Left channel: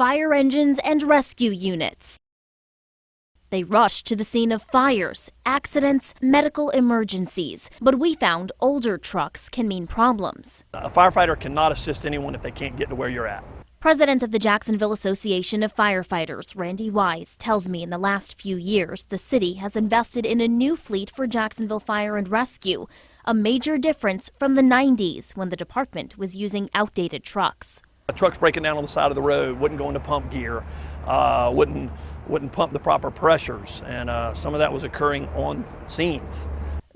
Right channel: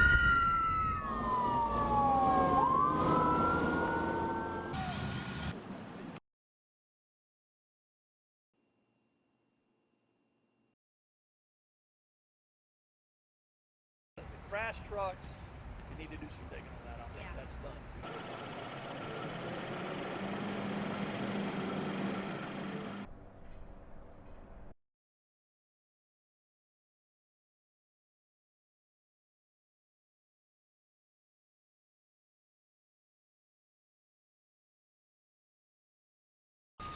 fire engines and rescue units. They rushed to the scene of fires, accidents, medical emergencies. But we found older trucks can mean problems. A firefighter cannot assist anyone if they can't get to where you're at. President of the Jacksonville Association of Firefighters, Randy Wise, tells me in the last few years, the city has invested in a new fleet for Jacksonville Fire and Rescue, a major difference from the 90s when the department was using outdated trucks. A truck's breaking down on the side of the road, wouldn't go into pump gear, wouldn't pump the proper pressures, and some of that was occurring on scenes.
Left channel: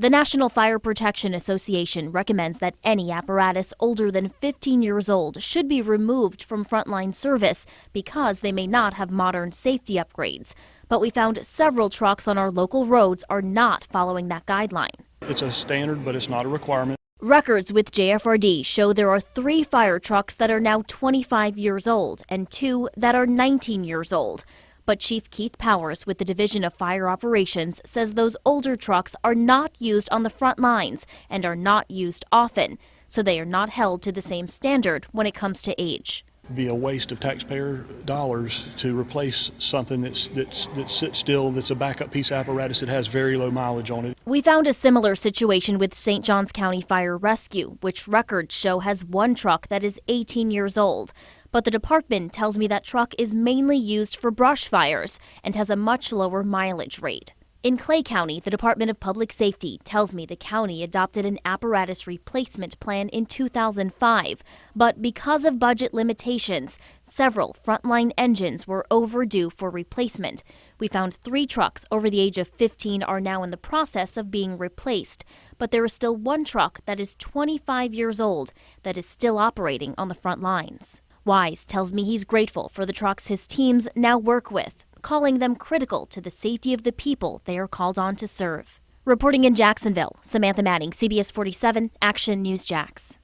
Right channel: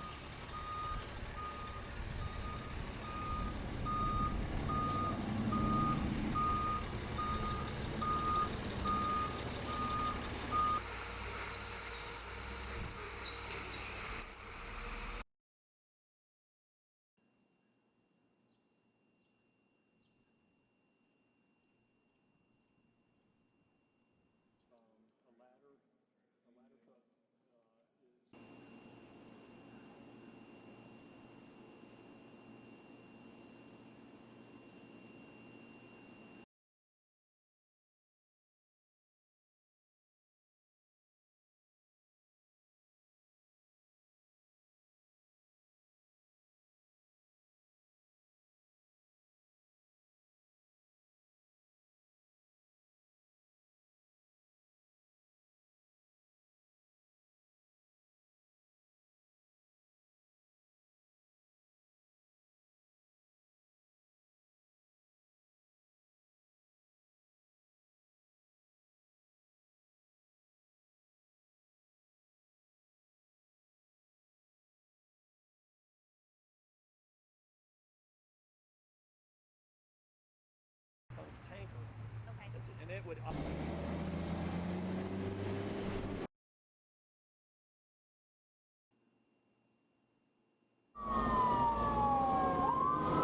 The National Fire Protection Association recommends that any apparatus older than 15 years old should be removed from frontline service because they may not have modern safety upgrades. But we found several trucks on our local roads are not following that guideline. It's a standard, but it's not a requirement. Records with JFRD show there are 3 fire trucks that are now 25 years old and 2 that are 19 years old. But Chief Keith Powers with the Division of Fire Operations says those older trucks are not used on the front lines and are not used often, so they are not held to the same standard when it comes to age. It'd be a waste of taxpayer dollars to replace something that sits still, that's a backup piece of apparatus that has very low mileage on it. We found a similar situation with St. Johns County Fire Rescue, which records show has 1 truck that is 18 years old. But the department tells me that truck is mainly used for brush fires and has a much lower mileage rate. In Clay County, the Department of Public Safety tells me the county adopted an apparatus replacement plan in 2005, but because of budget limitations, several frontline engines were overdue for replacement. We found 3 trucks over the age of 15 are now in the process of being replaced, but there is still 1 truck that is 25 years old that is still operating on the front lines. Wise tells me he's grateful for the trucks his teams now work with, calling them critical to the safety of the people they are called on to serve. Reporting in Jacksonville, Samantha Manning, CBS 47 Action News Jax.